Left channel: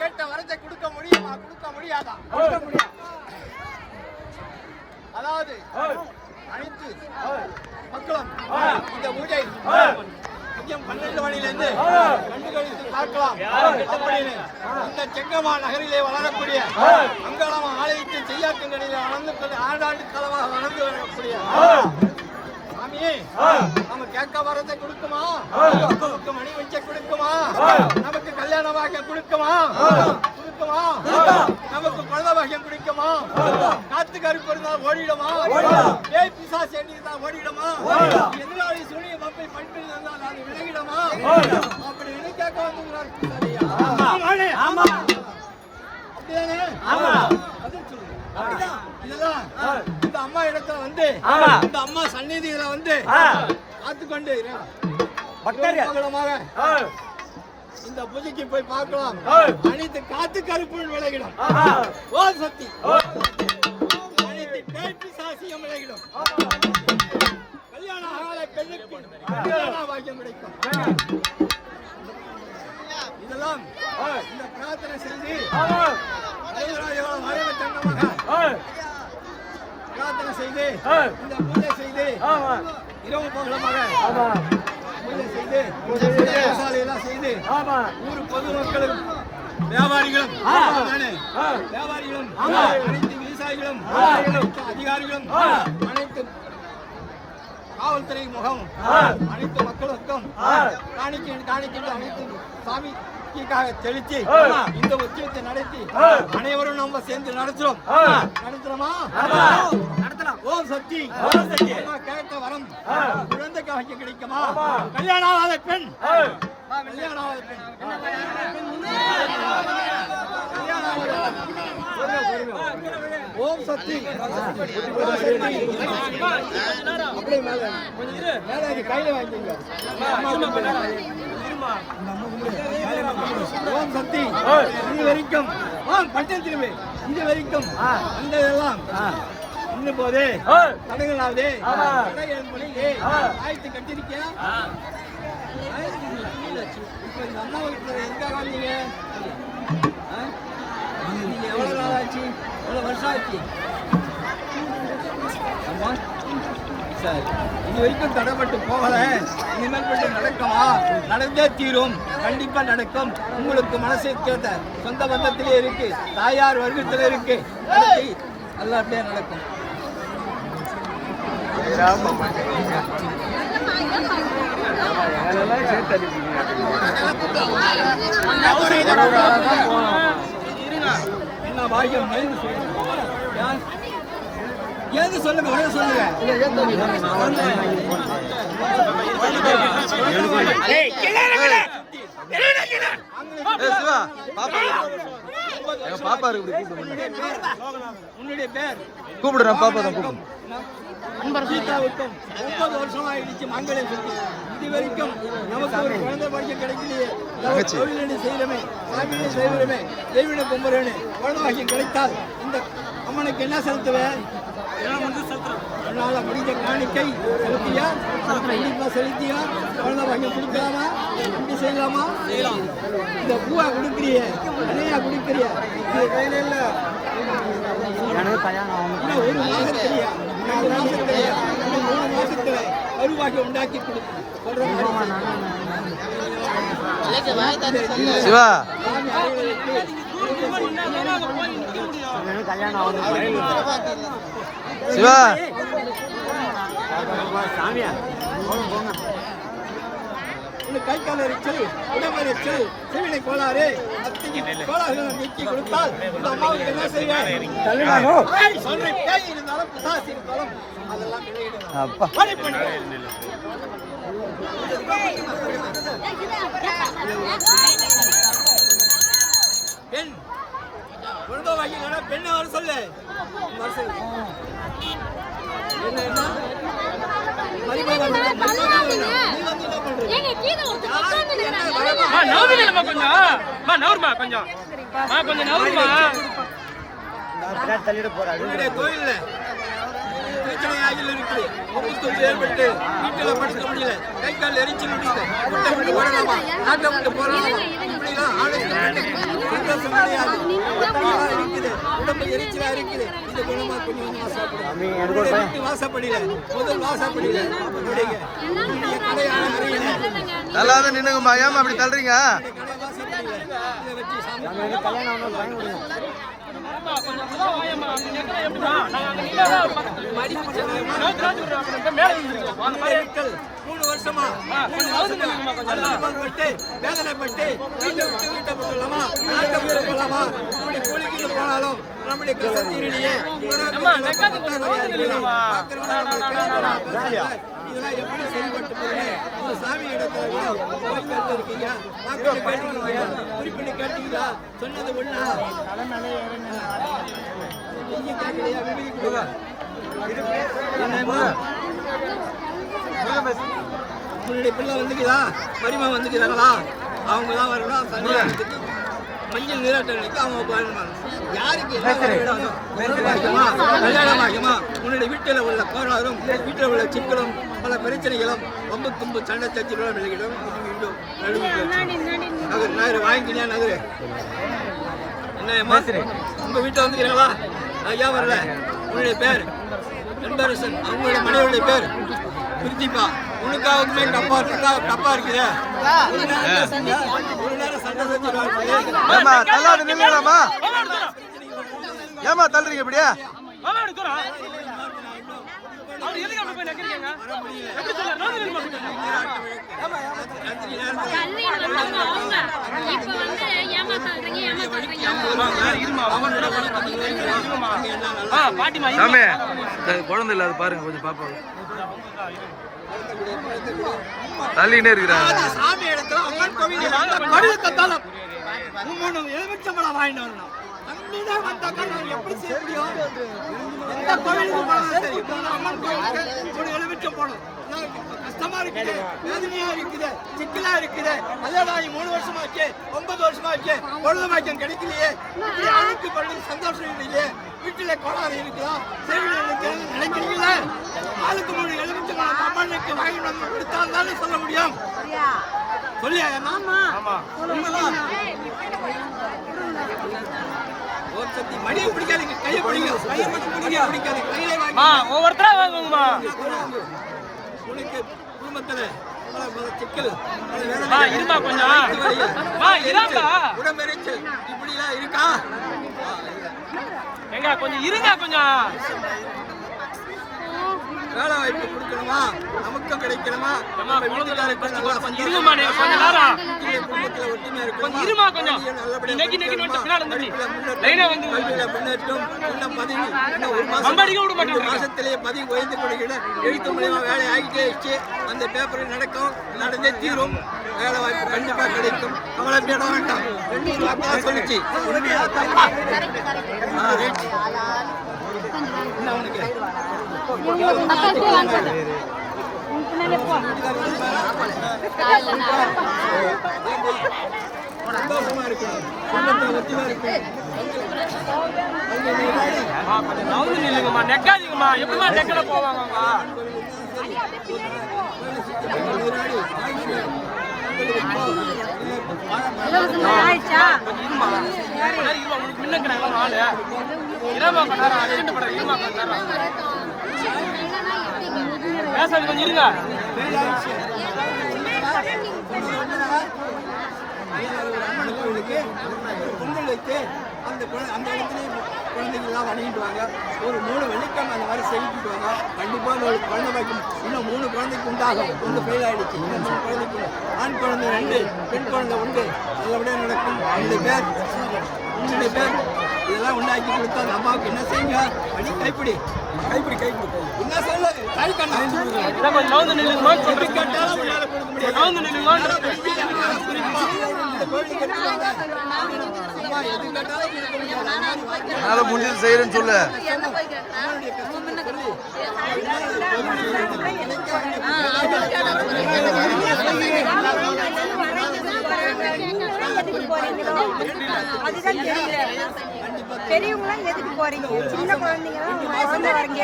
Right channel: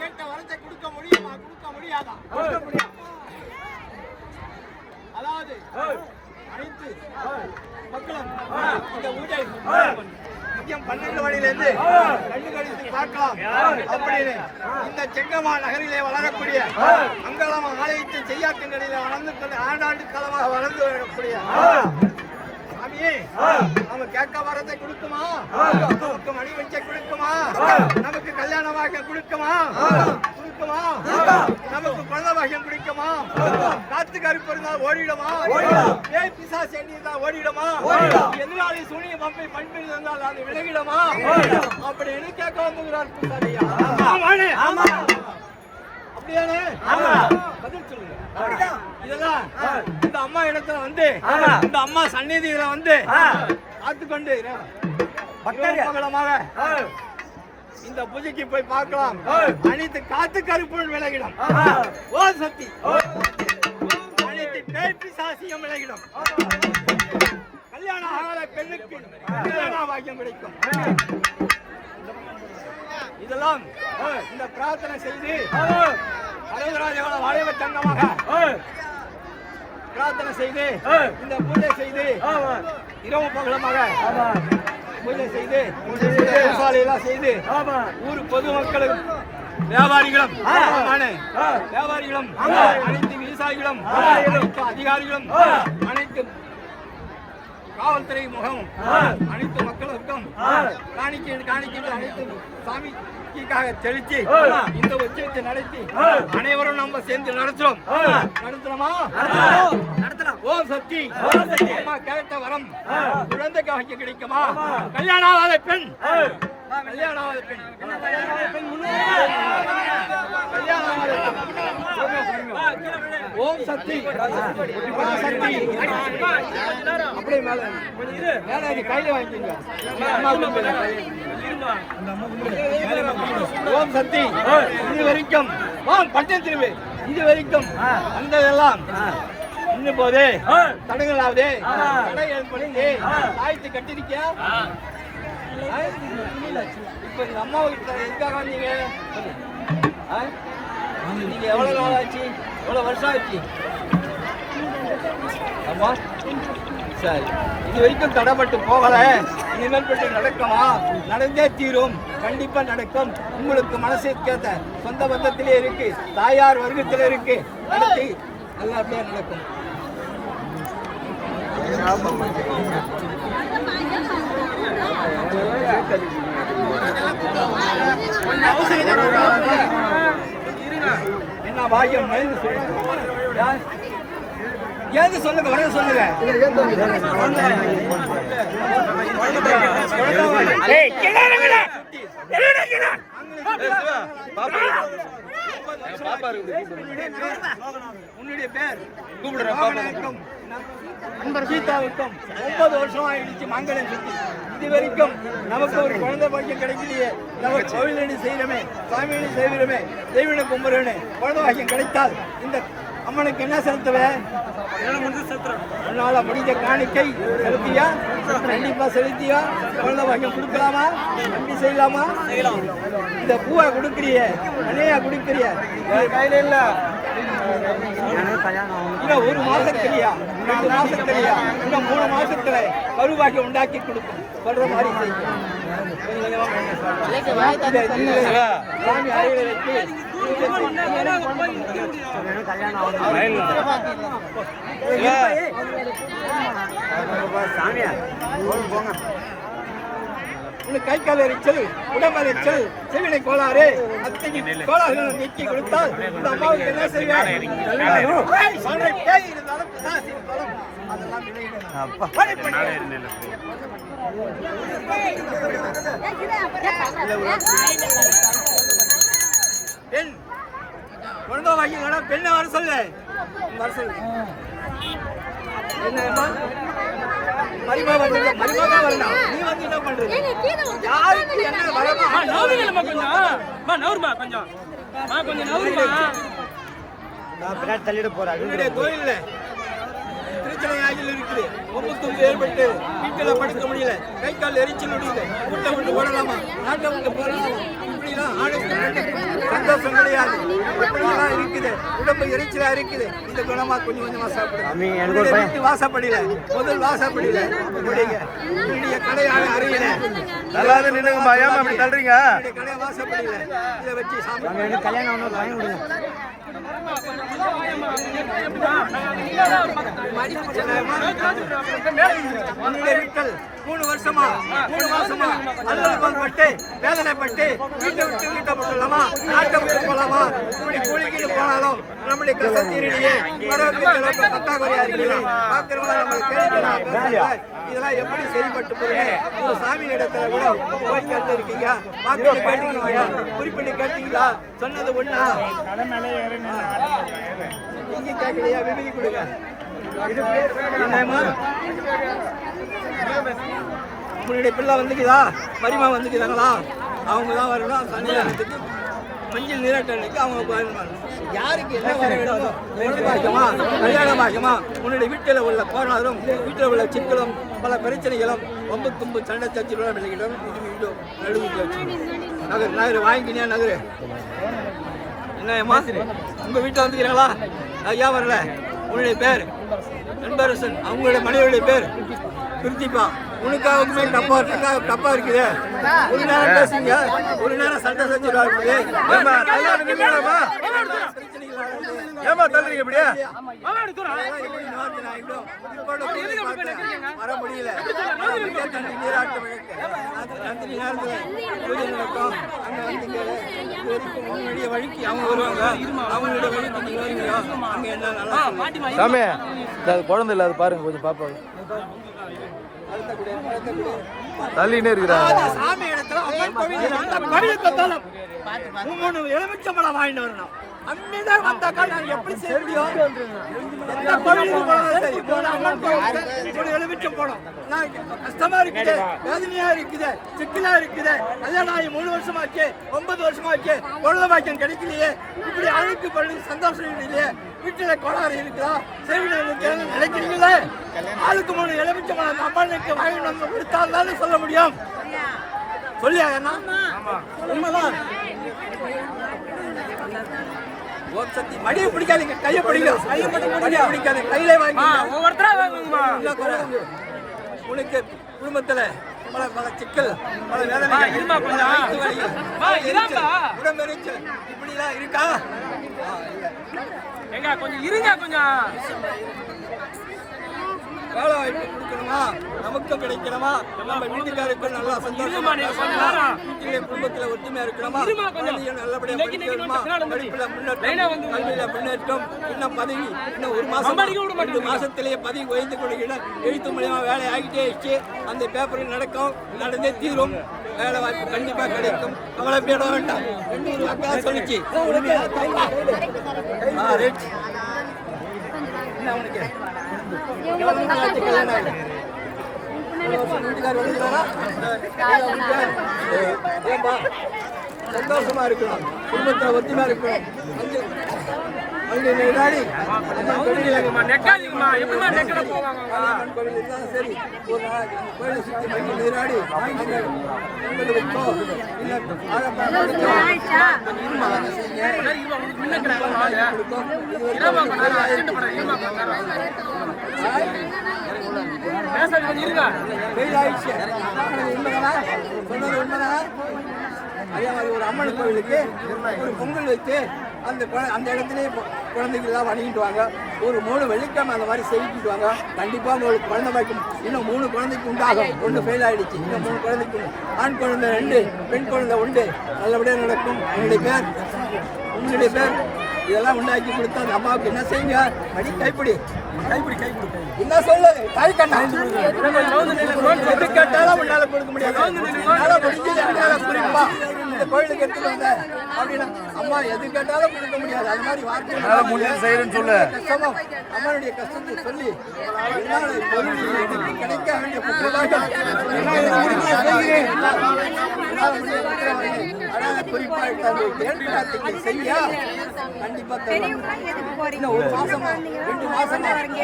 கேட்ட வரத்தை கொடுக்க முடியுமா கொடுக்க முடியாதா அதாவது அனைத்து மக்களும் இந்த பூஜை மதியம் கண்டுகளித்து கண்டு பார்க்கலாம். அப்படின்னு இந்த செங்கமா நகரிலே வளரக்கூடிய அங்காளம் ஆலயத்தின் செய்யாத்தின் வளர்ந்து ஆண்டாண்டு காலமாக வளர்ந்து வரக்கூடிய சாமியே நம்ம கேட்க வரத்தை கொடுக்குமா? நமக்கு மணி வச்ச கொடுக்குமா? நமக்கு கல்யாணமாக கொடுக்குமா? கொடுக்குமா நமக்கு குழந்தை பாக்கியம் கொடுக்குமா காத்து கருப்பு இருந்தா ஓடிடுமா? ஏய் பிசா செடி இருந்தா ஓடிடுமா? எதிராளி சூனிய பம்பை பண்பில் இருந்தால் அது விலகிடுமா? அப்படின்னு கேட்க வந்துகிறார் அப்படியானே பதில் சொல்லுங்க. இதெல்லாம் இந்த அம்மா இடத்துல வந்து இந்த அம்மா சந்நிதியில வந்து காத்துக்கொண்டு பக்தர்களமாக இந்த பூஜைக்கு போய் பார்க்கலாம். அனைத்து காத்து கருப்புள் விலகிடும். ஓ சக்தி. அனைத்து பேய் பிசாசியம் விலகிடும். கல்யாணம் ஆகாத பெண்ணுக்கு கல்யாண பாக்கியம் கிடைக்கும். இதெல்லாம் இந்த பிரார்த்தனை செய்து அறுபதாயிரம் வாழைவ தங்கமாக பிரார்த்தனை செய்து இந்த பூஜை செய்து இரவு பகலமாக பூஜை செய்து எல்லாம் செய்து ஊர் பொதுமக்களும் வியாபாரிகளும். வியாபாரிகளும் அனைத்து விவசாயிகளும் அதிகாரிகளும் அனைத்து காவல்துறை முகம் அனைத்து மக்களுக்கும் காணிக்கை காணிக்கை அனைத்து சாமிக்காக தெளிச்சு இந்த உச்சத்தை நடத்தி அனைவரும் நம்ம சேர்ந்து நடத்துறோம்? நடத்துறோமா. ஓம் சக்தி அம்மா கேட்ட வரம் குழந்தை காய்க்க கிடைக்குமா? கல்யாணம் ஆகாத பெண். கல்யாணம் ஆகாத பெண்? கல்யாணம் ஆகாத பெண். கல்யாணம் ஆகாத. ஓம் சக்தி அப்படியே மேல மேல கையில வாங்கிக்கோங்க. ஓம் சக்தி இது வரைக்கும். ஓம் பட்டம் திரும்பி இது வரைக்கும். அந்த எல்லாம் இன்னும் போது தடங்களாவது தடை ஏற்படுது ஆயத்து கட்டிருக்கியா? இப்ப இந்த அம்மா எதுக்காக வந்தீங்க? நீங்க எவ்வளவு நாள் ஆச்சு? எவ்வளவு வருஷம் ஆச்சு? ஆமா சரி. இது வரைக்கும் தடைப்பட்டு போகல. இனிமேல் கொஞ்சம் நடக்குமா நடந்தே தீரும். கண்டிப்பா நடக்கும். உங்களுக்கு மனசு கேட்ட சொந்த பந்தத்திலே இருக்கு. தாயார் வர்க்கத்தில் இருக்கு. நடத்தி நல்லபடியா நடக்கும். என்ன பாக்கியம்? ஏன்னு சொல்லுங்க? உடனே சொல்லுங்க. பாப்பா இருக்கு? கூப்பிடுறேன் பாப்பா தான் கூப்பிடு. நண்பர் சீதாவுக்கும் ஒன்பது வருஷம் ஆயிடுச்சு மங்களம் சுத்தி. இது வரைக்கும் நமக்கு ஒரு குழந்தை பாக்கியம் கிடைக்கலையே. நம்ம கோவிலடி செய்கிறோமே சாமியடி செய்கிறோமே தெய்வனை கும்புறேனே குழந்தை பாக்கியம் கிடைத்தால் இந்த அம்மனுக்கு என்ன செலுத்துவேன் உன்னால முடிஞ்ச காணிக்கை செலுத்தியா? கண்டிப்பா செலுத்தியா? குழந்தை பாக்கியம் கொடுக்கலாமா? நம்பி செய்யலாமா? செய்யலாம். இந்த பூவை கொடுக்குறிய தனியா கொடுக்குறிய. கையில இல்ல. ஒரு மாசத்துலயா ரெண்டு மாசத்துலயா இன்னும் மூணு மாசத்துல கருவாக்கி உண்டாக்கி கொடுக்கும் சொல்ற மாதிரி சாமி அறையில வச்சு பூஜை செய்யும். சிவா உனக்கு கை கால் எரிச்சல் உடம்பு எரிச்சல் செவினை கோளாறு அத்தனை கோளாறுகளை நீக்கி கொடுத்தால் இந்த அம்மாவுக்கு என்ன செய்வேன்? சொல்ற பேய் இருந்தாலும் அதெல்லாம். பெண். குழந்தை வாங்கினா பெண்ணை வர சொல்லு. வர சொல்லு. என்ன மருமக வந்து மருமக வரணும். நீ வந்து என்ன ஒருத்தர் யாருக்கு என்ன வரமா நவுருங்கம்மா கொஞ்சம். அம்மா, நவுரும்மா கொஞ்சம். கொஞ்சம் நவுருங்கம்மா உன்னுடைய கோயில்ல பிரச்சனை ஆகில் இருக்குது ஒம்பு தும்பு ஏற்பட்டு வீட்டில் படுக்க முடியல. கை கால் எரிச்சல் முடியுது வீட்டை விட்டு ஓடலாமா நாட்டை விட்டு போடலாமா? இப்படிலாம் ஆணுக்கு பெண்ணுக்கு சந்தோஷம் கிடையாது இப்படிலாம் இருக்குது. உடம்பு எரிச்சலா இருக்குது. இந்த குணமா கொஞ்சம் கொஞ்சமா சாப்பிடுங்க. உன்னுடைய வீட்டு வாசப்படியில. முதல் வாசப்படியில. இப்படிங்க உன்னுடைய கடையான அறையில. நல்லா தான் நின்னுங்கம்மா. ஏமா அப்படி தள்ளுறீங்க? கடை வாசப்படியில. இதை வச்சு சாப்பிடுங்க. உன்னுடைய மக்கள் மூணு வருஷமா மூணு மாசமா அலுவலகம் பட்டு வேதனைப்பட்டு வீட்டை விட்டு வீட்டை போட்டுலாமா நாட்டை விட்டு போலாமா? இப்படி கூலிக்கிட்டு போனாலும் நம்முடைய கசத்தீரிலேயே வரவுக்கு பத்தாக்குறையா இருக்குது பாக்குறவங்க நம்ம கேள்வி பேசுறாங்க. இதெல்லாம் எப்படி செயல்பட்டு போறேன் ஒரு சாமி இடத்துல கூட போய் கேட்டு இருக்கீங்க வாக்கிட்டு கேட்டுக்கீங்க குறிப்பிட்டு கேட்டீங்களா சொன்னது ஒண்ணா? நீங்க கேட்கலையா? விபதி கொடுங்க. என்னம்மா? உன்னுடைய பிள்ளை வந்துக்குதா? மரிமா வந்துக்குதாங்களா? அவங்க தான் வரலாம் சன்னிதானத்துக்கு மஞ்சள் நீராட்டலுக்கு அவங்க வரணும். யாருக்கு என்ன வரணும் பாக்கியமா பாக்கியமா உன்னுடைய வீட்டில் உள்ள கோளாறும் வீட்டில் உள்ள சிக்கலும் பல பிரச்சனைகளும் ரொம்ப தும்பு சண்டை சச்சிலும் விலகிடும் இது நடுவில் நகர் நகர் வாங்கிக்கினே நகரு. என்னம்மா உங்க வீட்டில் வந்துக்கிறீங்களா? ஐயா வரல. உன்னுடைய பேர். அன்பரசன் அவங்களுடைய மனைவியுடைய பேர். பிரித்திப்பா உனக்காவுக்குமே டப்பா டப்பா டப்பா இருக்குது. ஒரு நேரம் பேசுங்க. ஒரு நேரம் சண்டை செஞ்சிருவாரு ஏமா நல்லா நின்னுங்களாம்மா ஏமா தள்ளுறீங்க இப்படியே. வர முடியல. சாமி குழந்தை இல்லாத பாருங்க கொஞ்சம் பாப்பா தள்ளினே இருக்கிறாங்க. சாமி இடத்துல அம்மன் கோவில் எலுமிச்சம்பழம் வாங்கிட்டு வரணும். அன்னிலே வந்தாக்கா நான் எப்படி செய்ய முடியும்? எந்த கோவிலுக்கு போனாலும் சரி மூணு அம்மன் கோவிலுக்கு மூணு எலுமிச்சம் போனோம். நான் கஷ்டமா இருக்குது வேதனையா இருக்குது சிக்கலா இருக்குது. கல்யாணம் ஆகி மூணு வருஷமாச்சு ஒன்பது வருஷமாச்சு குழந்தை பாக்கியம் கிடைக்கலையே. இப்படி அழுக்கு பண்ணி சந்தோஷம் இல்லையே. வீட்டுல கோளாறு இருக்குதா? இருக்கிறது நினைக்கிறீங்களே? ஆளுக்கு மூணு எலுமிச்சம்பழம் அம்மனுக்கு வாங்கி நம்ம கொடுத்தால் தானே சொல்ல முடியும்? சொல்லியா அண்ணா உண்மைதான். ஓம் சக்தி மடியை பிடிக்காதீங்க கையை பிடிங்க கையை மடியை பிடிக்காது கையிலே வாங்கி ஒவ்வொருத்தரா வாங்குங்கம்மா. உனக்கு குடும்பத்துல பல பல சிக்கல் பல வேதனைகள் இருமா பல. வயிற்று வலிகள், எரிச்சல். உடம்பெரிச்சல் இப்படி எல்லாம் இருக்கா. ஏங்க, கொஞ்சம் இருங்க கொஞ்சம் வேலை வாய்ப்பு கொடுக்கணுமா? நமக்கும் கிடைக்கணுமா? நம்ம வீட்டுக்காருக்கு நல்லா சந்தோஷமா குடும்பத்துல ஒற்றுமை இருக்கணுமா? இருமா கொஞ்சம். குழந்தைய நல்லபடியா இன்னைக்கு படிக்கணுமா? படிப்புல முன்னேற்றம் கல்வியில முன்னேற்றம் இன்னும் பதவி இன்னும் ஒரு மாசம் ரெண்டு மாசத்திலேயே பதவி உயர்ந்து கொடுக்கிற எழுத்து மூலியமா வேலை ஆகிட்டே இருச்சு அந்த பேப்பர் நடக்கும். நடந்தே தீரும். வேலை வாய்ப்பு கண்டிப்பா கிடைக்கும். கவலை பேட வேண்டாம். ஒரு வாக்கா சொல்லிச்சு. ரைட். என்ன உனக்கு? சந்தோஷமா இருக்கணும் குடும்பத்தை ஒத்துமா இருக்கணும் அங்கே சரி நீராடி இல்ல வாழைப்பழம் இருமா, உங்களுக்கு முன்ன இருக்கிற அதே மாதிரி ஒரு அம்மன் கோவிலுக்கு ஒரு பொங்கல் வைத்து அந்த குழ- அந்த இடத்துலயே கு- குழந்தைங்கெல்லாம் வணங்கிட்டு வாங்க ஒரு மூணு வெள்ளிக்கிழமை அந்த மாதிரி செய்யிட்டு வாங்க கண்டிப்பாக உங்களுக்கு குழந்தை பாய்க்கும் இன்னும் மூணு குழந்தைக்கு உண்டாகும் ஒன்று ஃபெயில் ஆயிடுச்சு இன்னும் மூணு குழந்தைக்கு ஆண் குழந்தை ரெண்டு பெண் குழந்தை உண்டு நல்லபடியாக நடக்கும் உங்களுடைய பேர் உங்களுடைய பேர் இதெல்லாம் உண்டாக்கி கொடுத்தா அந்த அம்மாவுக்கு என்ன செய்யுங்க படி கைப்பிடி. கைப்பிடி கைப்பிடி என்ன சொல்லுங்க? கை கண்ணா. எது கேட்டாலும் உன்னால கொடுக்க முடியாது. என்னால முடிஞ்சது அடையாள குறிப்பா. இந்த கோயிலுக்கு எடுத்து அப்படின்னு அம்மா எது கேட்டாலும் கொடுக்க முடியாது. அது மாதிரி வார்த்தை. என்னால முடிஞ்சது செய்யறேன்னு சொல்லு. கஷ்டமும் அம்மனுடைய கஷ்டத்தை சொல்லி கிடைக்க வேண்டிய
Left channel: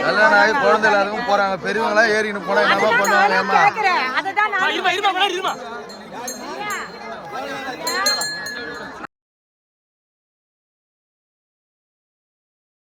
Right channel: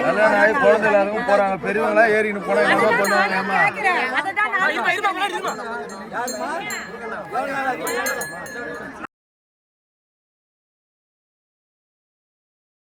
கல்யாணம் ஆகி குழந்தை எல்லாருக்கும் போறாங்க. பெரியவங்களா ஏறின்னு போனா என்னமா பண்ணுவாங்க ஏமா